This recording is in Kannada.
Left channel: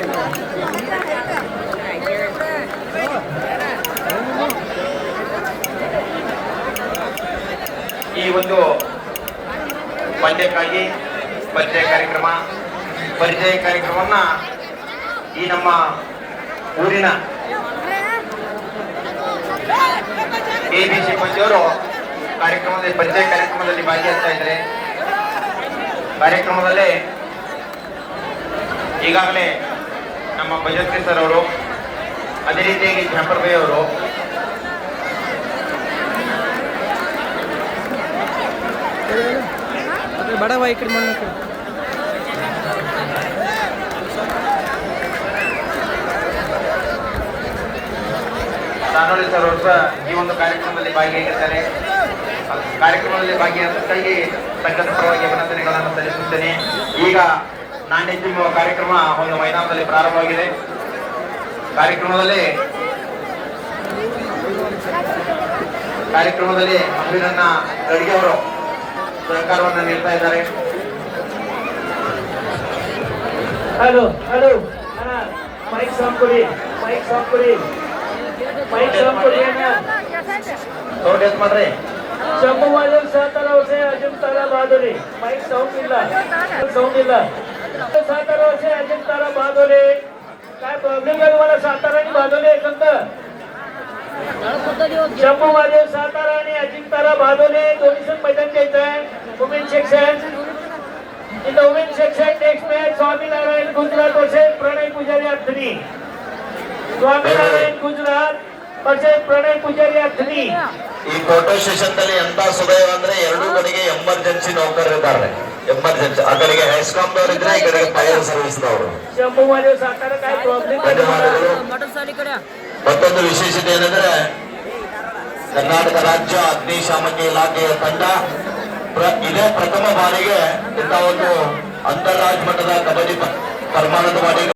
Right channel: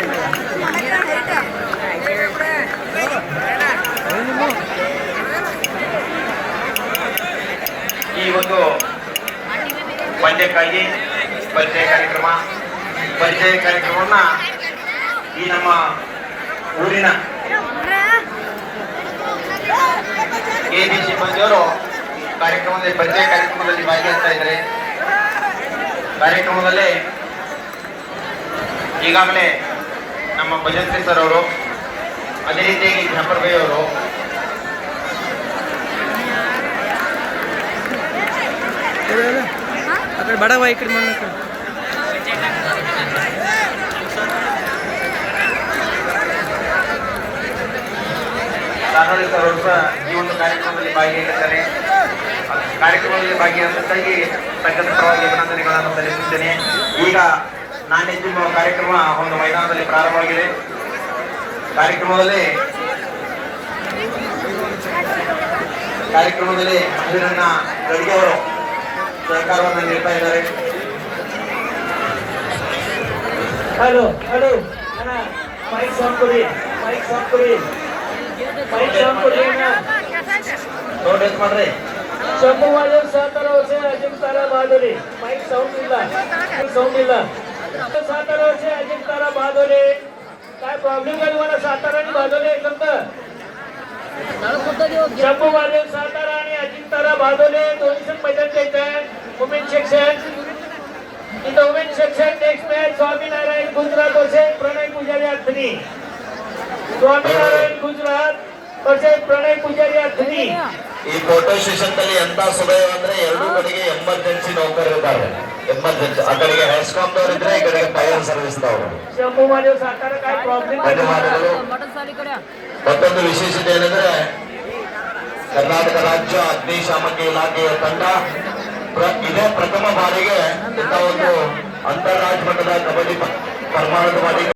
ಈ ಒಂದು ಪಂದ್ಯಕ್ಕಾಗಿ ಪರಿಚಯ ಕಾರ್ಯಕ್ರಮ, ಪರಿಚಯ ಕಾರ್ಯಕ್ರಮವನ್ನ ಈ ನಮ್ಮ ಊರಿನ ಎ ಬಿ ಸಿ ಮಂಜವರು ಕಾರ್ಯಕ್ರಮದಲ್ಲಿ, ಪರಿಚಯ ಕಾರ್ಯಕ್ರಮದಲ್ಲಿ ಭಾಗಿಯಾಗ್ತಾ ಇದ್ದಾರೆ. ಕಾರ್ಯಕ್ರಮದಲ್ಲಿ ಈಗಾಗಲೇ ನಮ್ಮ ಭಜಂತ್ರಿ ಸರ್ ಅವರು ಅದೇ ರೀತಿಯಾಗಿ ಜಾಫರ್ ಬೈ ಅವರು ಬಡವ ಈ ಕಡೆ ಮಣ್ಣು ಸರ್ ಈ ಒಂದು ಕಾರ್ಯಕ್ರಮದಲ್ಲಿ ಭಾಗಿಯಾಗಿದ್ದಾರೆ. ಕಾರ್ಯಕ್ರಮದಲ್ಲಿ ಭಾಗಿಯಾಗಿ ತಕ್ಕಂಥ ಪರವಾಗಿ ಅಭಿನಂದನೆಗಳನ್ನು ಸಲ್ಲಿಸುತ್ತೇನೆ. ಈಗ ನಾಣ್ಯ ಕಾರ್ಯಕ್ರಮ ಒಂದು ಮೈದಾನದಲ್ಲಿ ಪ್ರಾರಂಭವಾಗಿದೆ. ಕಾರ್ಯಕ್ರಮದಲ್ಲಿ ಕಾರ್ಯಕ್ರಮದಲ್ಲಿ ಅಭಿನಂದನ ಗಡಿಗೆ ಅವರು ಸಹಕಾರವನ್ನು ನೀಡ್ತಾ ಇದ್ದಾರೆ. ಹಲೋ ಹಲೋ ಮೈಕ್ ಕೊಡಿ ಮೈಕ್ ಕೊಡಿ. ಮೈಕ್ ಅಣ್ಣ. ಸೌಂಡ್ ಮಾಡ್ರಿ. ಶಂಭು ವಾಲ್ಯೂಮ್ ಸಾತರ ಹೊಸೆ ಅಜಿಮ್ ಮೈಕ್ ಸೌಂಡ್ ಇಲ್ಲ. ಸೌಂಡ್ ಇಲ್ಲ. सातारा से अजिम तारा बादोले काय प्रॉब्लेम आहे तुम्हाला सातारा आणि बादोले एकंत शंभू वादेव सातारा आणि अजिम तारा बादोले दोन्ही संघ मैदान द्यायचं आहे वुमेन सेक्शन इथं women section next match Swaminarayan Gujarat versus Pranay Pujari अर्थनी Swaminarayan Gujarat versus Pranay पुजारी अर्थनी ಈ ಫೋಟೋ ಸ್ಟೇಷನ್ ನಲ್ಲಿ ಎಂತ ಸುದೈವ ಅಂದ್ರೆ ಎರಡೂ ಕಡೆಗೆ ಎಮರ್ಜೆನ್ಸಿ ನೌಕರರಿದ್ದಾರೆ ಎಮರ್ಜೆನ್ಸಿ ಆ ಕಡೆಗೆ ಹೆಸ್ಕಾಮ್ದವ್ರು ಇದ್ರೆ, ಈ ಕಡೆಗೆ ಫೈರ್ ಸರ್ವಿಸ್ ಮತ್ತೊಂದು ವಿಶೇಷತೆ ಏನಂದ್ರೆ, ಕರ್ನಾಟಕ ರಾಜ್ಯ ಅಗ್ನಿಶಾಮಕ ಇಲಾಖೆಯ ತಂಡ ಇದೇ ಪ್ರಥಮ ಬಾರಿಗೆ ಇಂಥ ಒಂದು ಅಂತಾರಾಜ್ಯ ಮಟ್ಟದ ಕಬಡ್ಡಿ ಪರಮಾಣದ ಬಾರಿಗೆ